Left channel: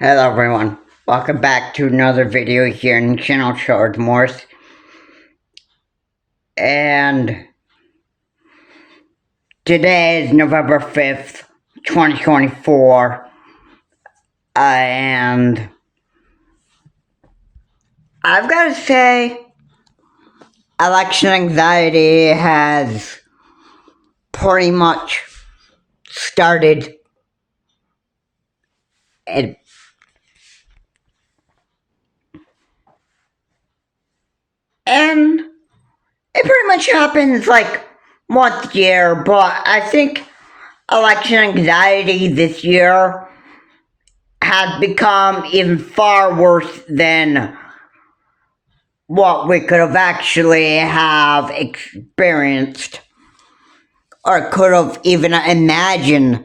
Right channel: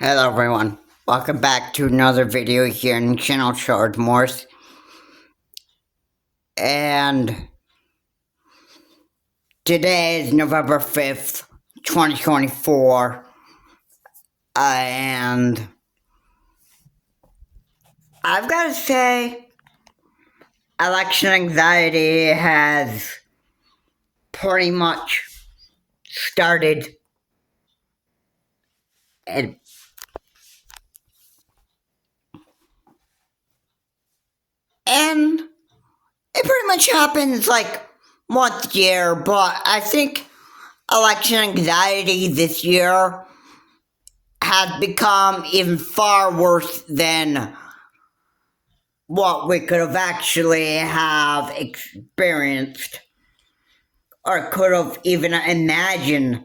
Hello everyone, welcome back to another video here in channel Short Morse. And today is November 5th, 2024. And I've got to say, election anxiety has pretty much started. And it pretty much happens like once a year, but I think election anxiety this year has become even far worse than what we could have actually have experienced or could have even imagined.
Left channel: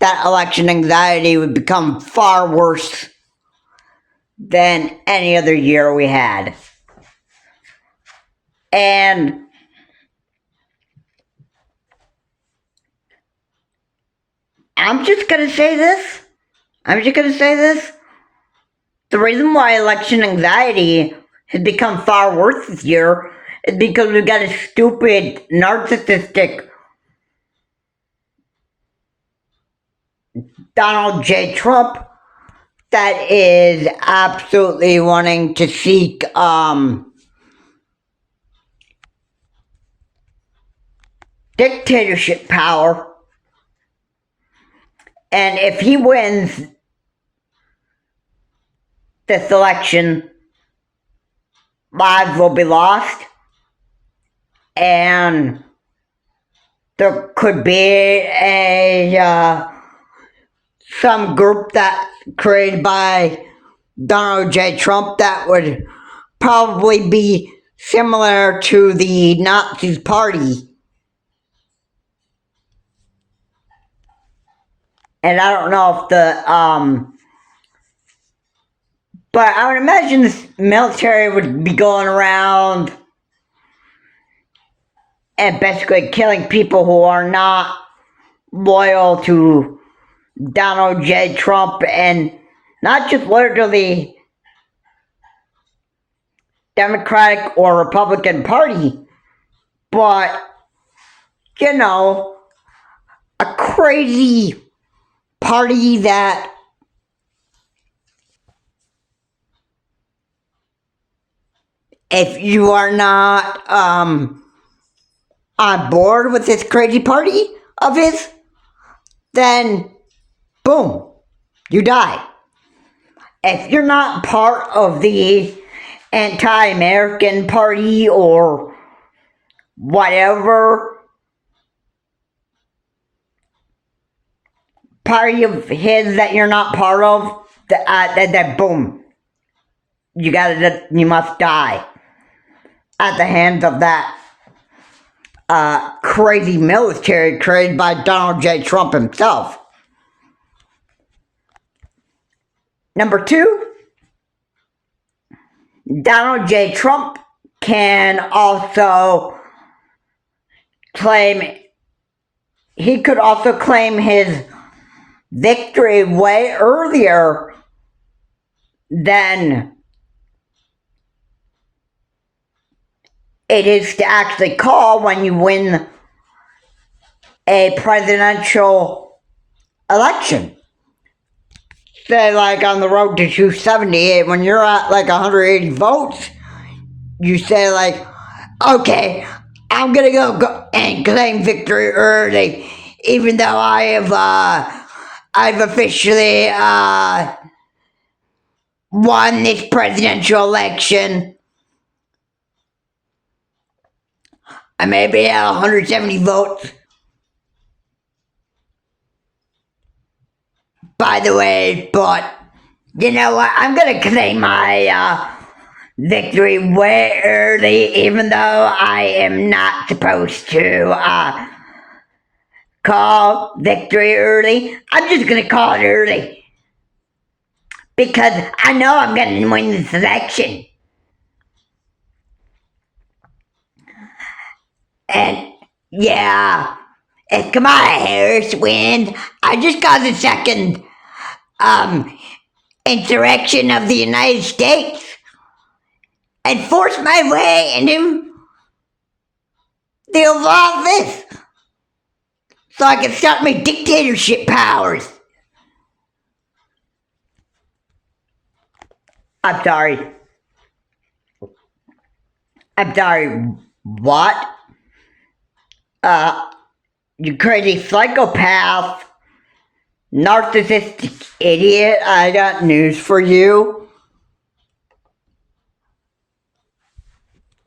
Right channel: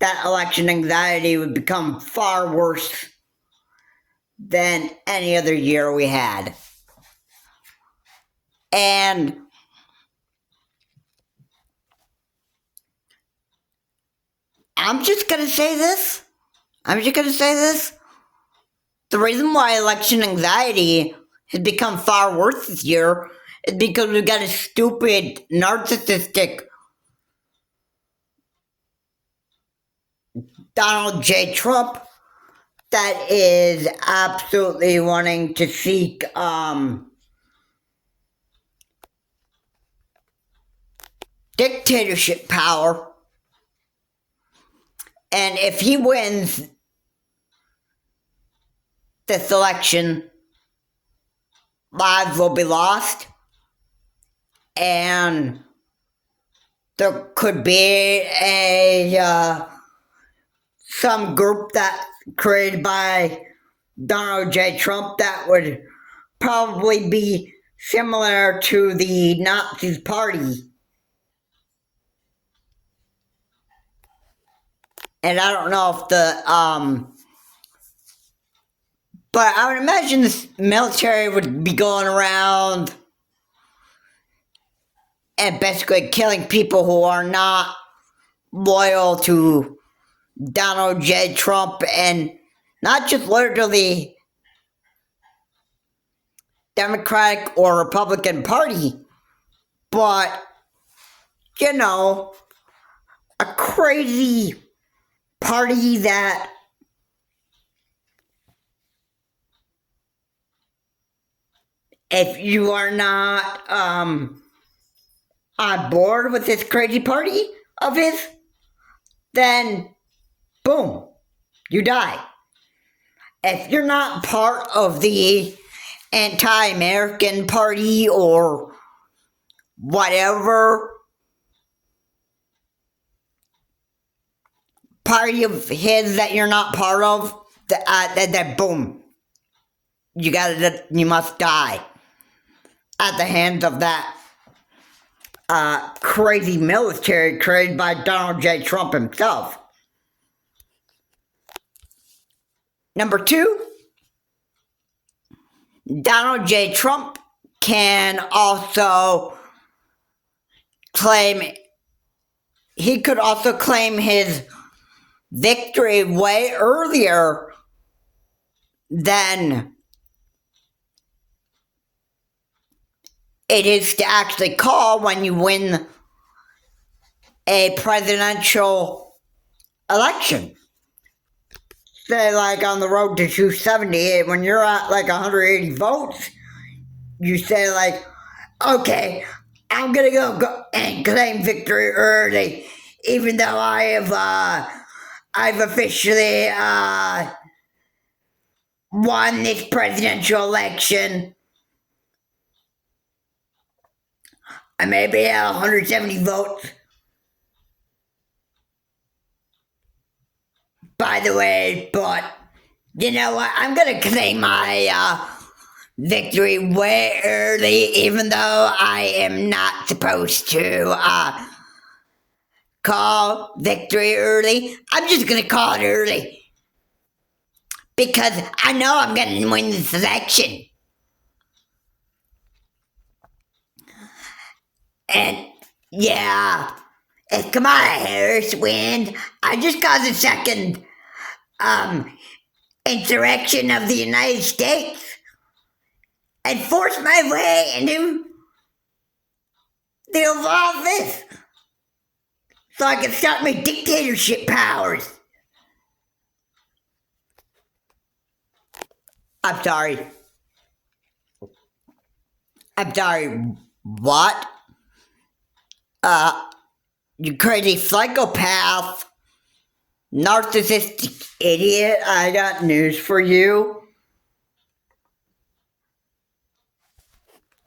That election anxiety would become far worse than any other year we had. And I'm just gonna say this. The reason why election anxiety has become far worse this year is because we've got a stupid, narcissistic Donald J. Trump that is absolutely wanting to seek dictatorship power. And if he wins this election, lives will be lost, and there could be some group that created by Donald J. Trump that would probably be similar to the Nazi Party. And I don't know if but I would imagine the military would be going around and basically killing people who are not loyal to Donald J. Trump, and not just loyal to the Democratic or Republican Party, but, a crazy party that if you are not on board with this crazy party of his, then boom, you die. If you're not part of the anti-American party or whatever party of his that you're not part of, that boom, you must die at the hands of that crazy military created by Donald J. Trump himself. Number two, Donald J. Trump can also claim his victory way earlier than it is to actually call when you win a presidential election. Say, like on the road to 270, when you're at like 180 votes, you say like, okay, I'm gonna go and claim victory early, even though I've officially won this presidential election. I may be at 170 votes. By the way, but you know what? I'm gonna claim my victory way early, even though I am not supposed to call victory early. I'm just gonna call it early because I know I'm gonna win this election. And yeah, if Kamala Harris wins, I just got a second insurrection of the United States and force my way into the Oval Office so I can start my dictatorship powers. I'm sorry. What? You crazy psychopath, narcissistic idiot, I got news for you.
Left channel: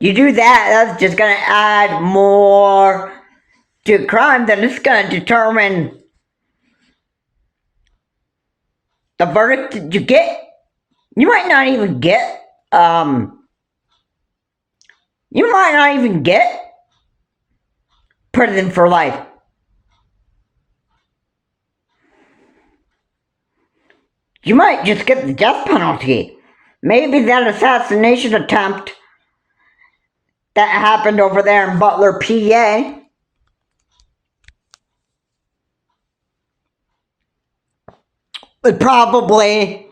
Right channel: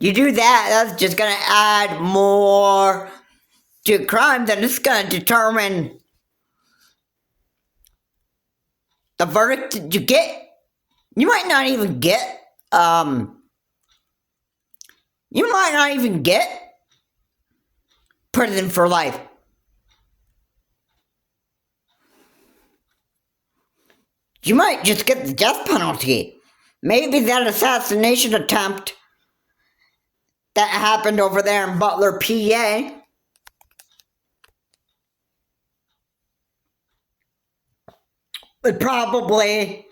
You do that, that's just gonna add more to crime, then it's gonna determine the verdict that you get. You might not even get, prison for life. You might just get the death penalty. Maybe that assassination attempt that happened over there in Butler, PA, would probably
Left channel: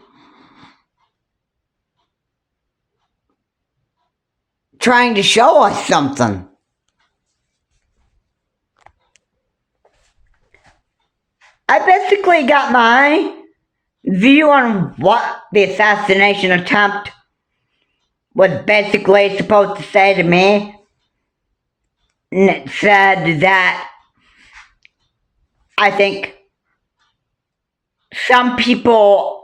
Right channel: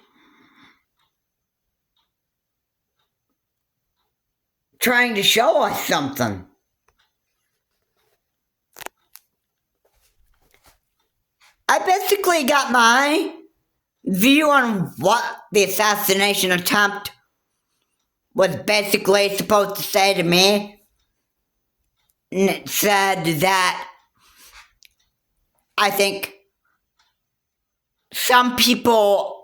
trying to show us something. I basically got my view on what the assassination attempt was basically supposed to say to me. And it said that I think some people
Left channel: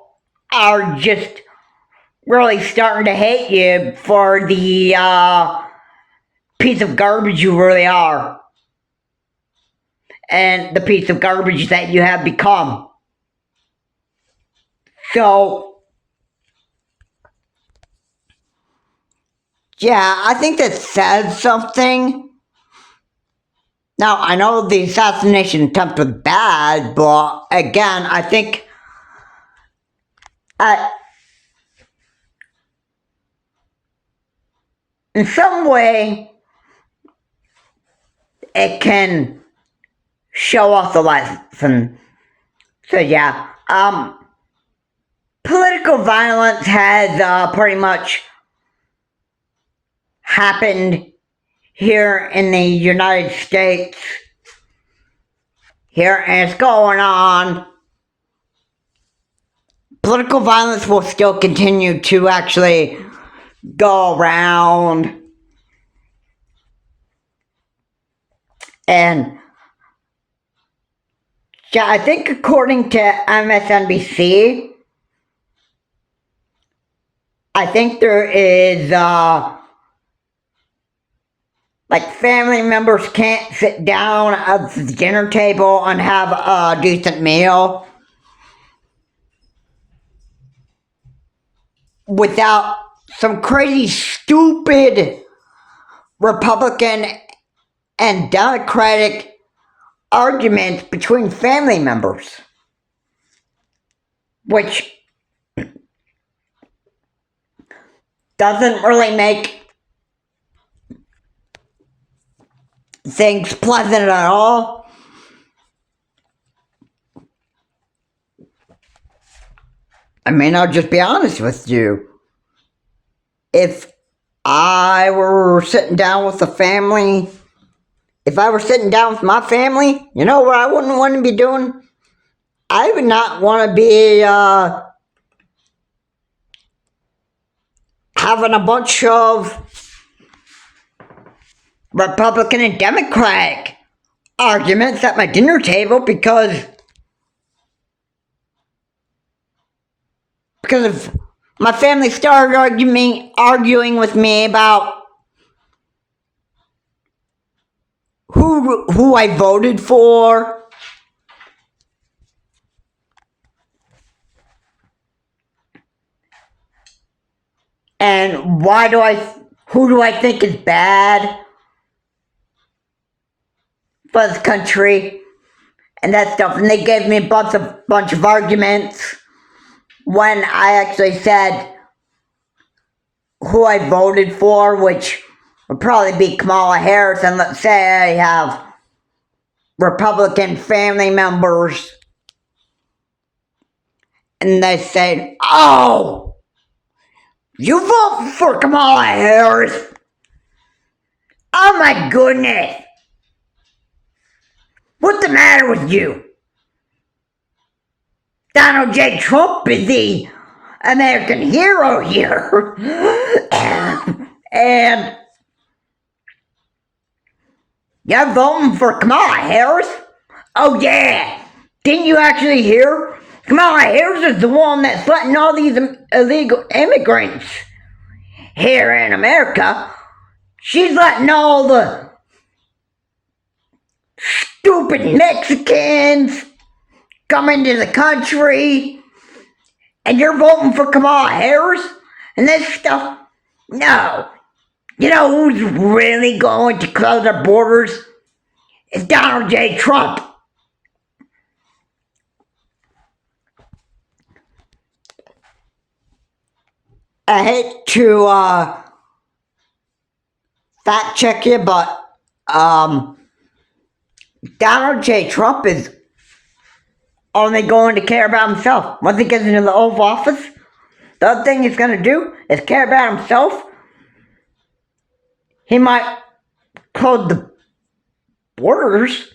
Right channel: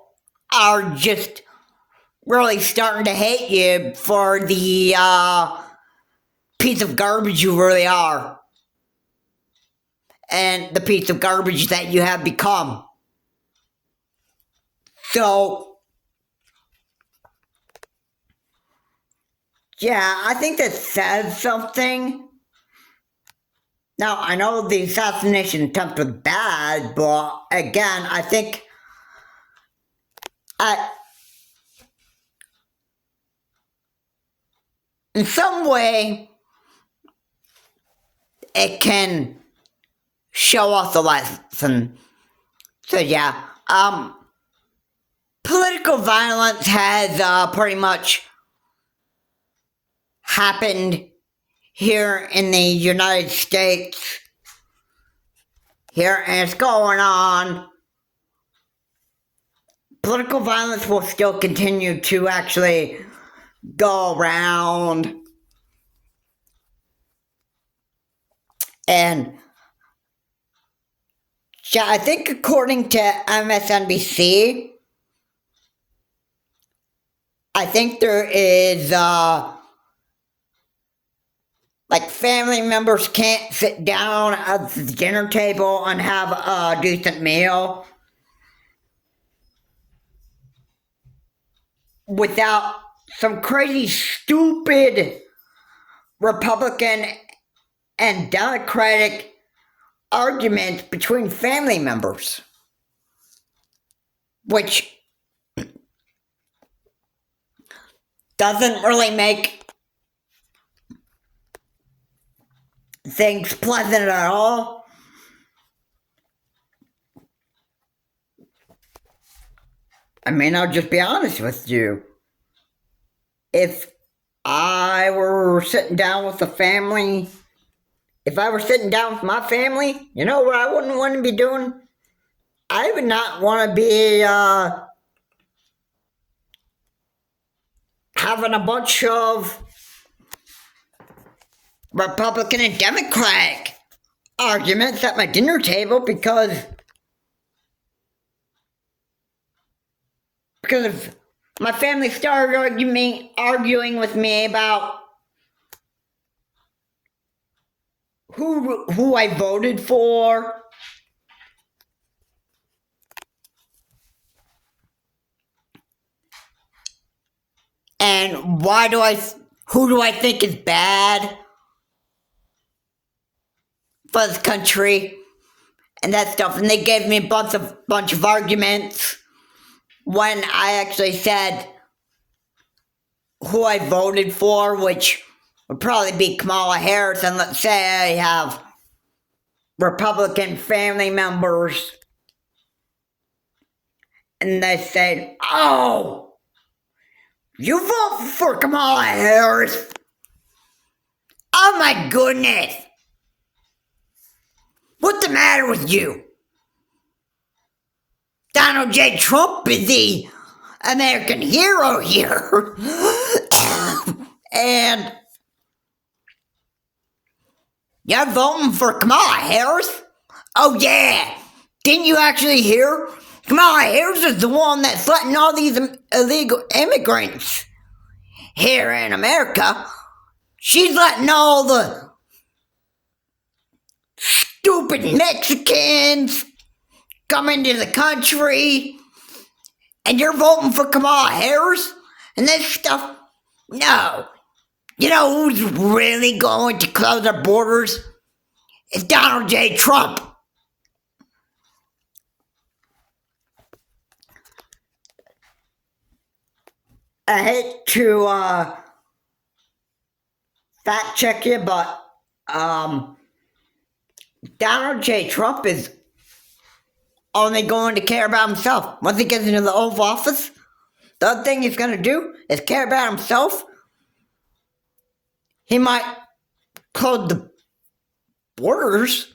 are just really starting to hate you for the piece of garbage you really are. And the piece of garbage that you have become. So, yeah, I think that says something. Now, I know the assassination attempt was bad, but again, I think in some way, it can show us a lesson. So yeah, political violence has pretty much happened here in the United States. Here, and it's going on. Political violence will still continue to actually go around. And yeah, I think according to MSNBC, I think there is like family members can't sit down at the dinner table and have a decent meal without some crazy, stupid Republican and Democratic arguments between family members, which doesn't really make things pleasant at all. I mean, I'll just be honest with you. If I were sitting down with a family, if I were sitting down with my family, you know what I wouldn't want to be doing? I would not want to be having a bunch of Republican and Democratic arguments at my dinner table because if my family started arguing with me about who I voted for, and who do I think is bad for this country, and that stuff, and they gave me a bunch of arguments when I actually said who I voted for, which would probably be Kamala Harris, and let's say I have Republican family members and they say, "Oh, you vote for Kamala Harris? Oh my goodness. What's the matter with you? Donald J. Trump is the American hero here." And you're voting for Kamala Harris? Oh yeah. Didn't you actually hear? Kamala Harris is the one that's letting all these illegal immigrants here in America. She's letting all the stupid Mexicans come into the country, and you're voting for Kamala Harris and this stuff? No. You know who's really going to close our borders? It's Donald J. Trump. I hate to fact check you, but Donald J. Trump is only going to care about himself. Once he gets into the Oval Office, the other thing he's going to do is care about himself. He might close the borders,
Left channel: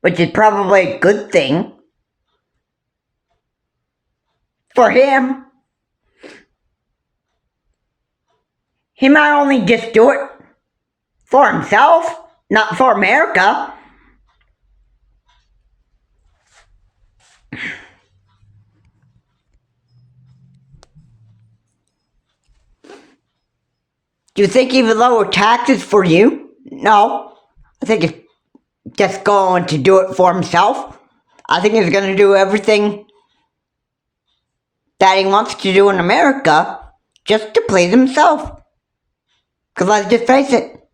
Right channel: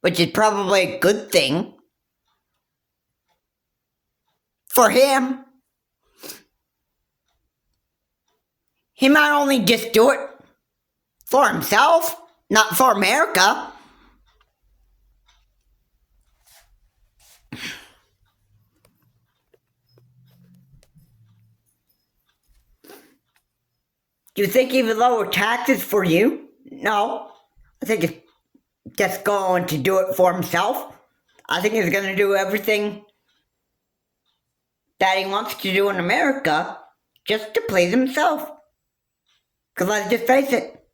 which is probably a good thing for him. He might only just do it for himself, not for America. Do you think he would lower taxes for you? No. I think he's just going to do it for himself. I think he's going to do everything that he wants to do in America just to please himself. Because let's just face it,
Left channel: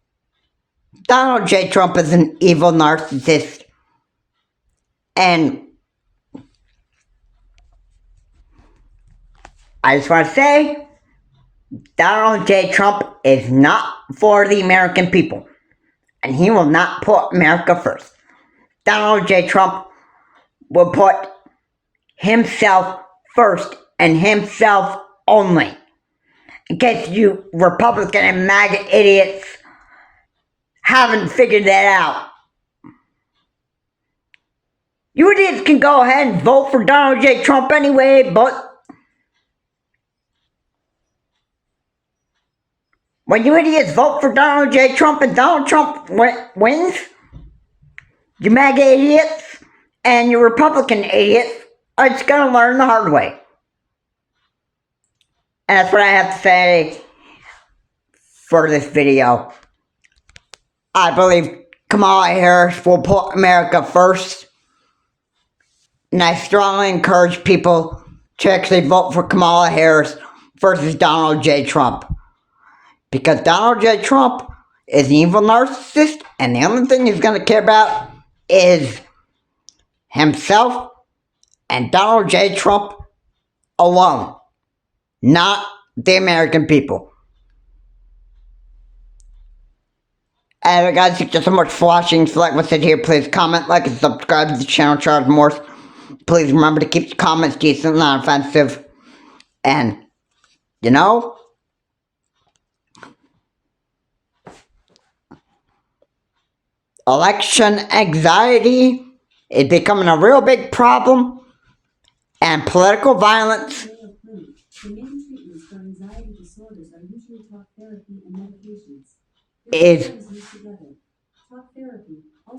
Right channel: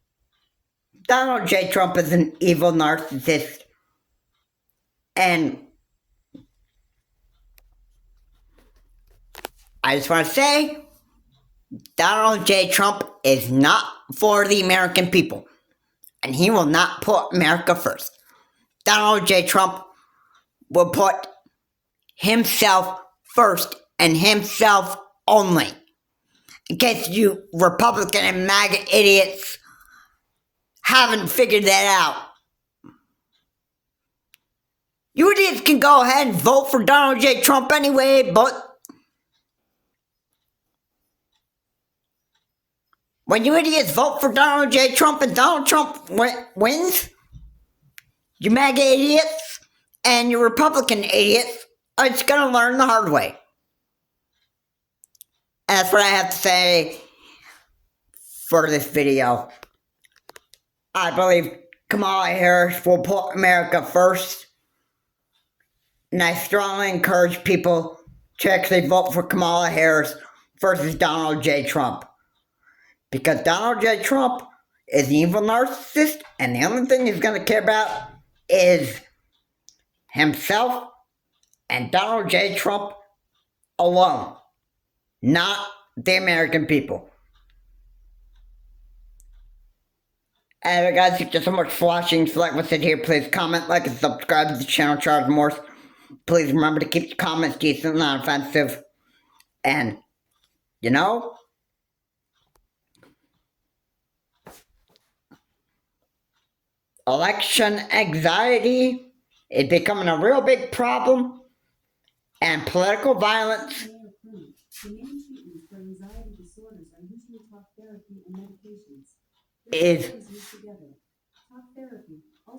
Donald J. Trump is an evil narcissist. And I just want to say, Donald J. Trump is not for the American people. And he will not put America first. Donald J. Trump will put himself first and himself only. In case you Republican and MAGA idiots haven't figured that out. You idiots can go ahead and vote for Donald J. Trump anyway, but when you idiots vote for Donald J. Trump and Donald Trump wins, you MAGA idiots and your Republican idiots are just going to learn the hard way. And that's what I have to say for this video. I believe Kamala Harris will put America first. And I strongly encourage people to actually vote for Kamala Harris versus Donald J. Trump. Because Donald J. Trump is an evil narcissist, and the only thing he's going to care about is himself and Donald J. Trump alone, not the American people. Anyway guys, thank you so much for watching. If you like what's in here, please comment, like, and subscribe to the channel, Charles Morse. Please remember to keep the comments decent, not offensive. And, you know, election anxiety is becoming a real big problem, and political violence is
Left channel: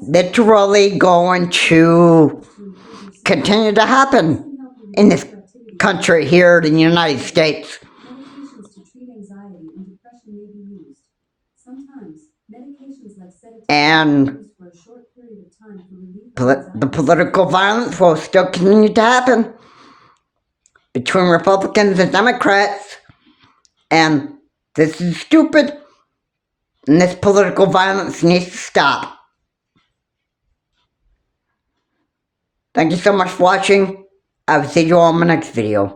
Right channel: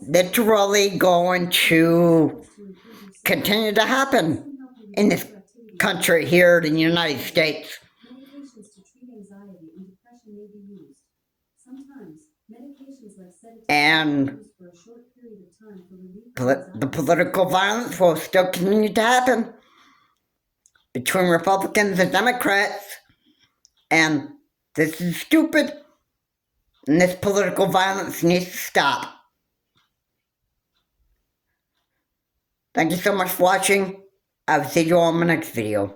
literally going to continue to happen in this country here in the United States. And the political violence will still continue to happen between Republicans and Democrats. And this is stupid. And this political violence needs to stop. Thank you so much for watching. I will see you all in my next video.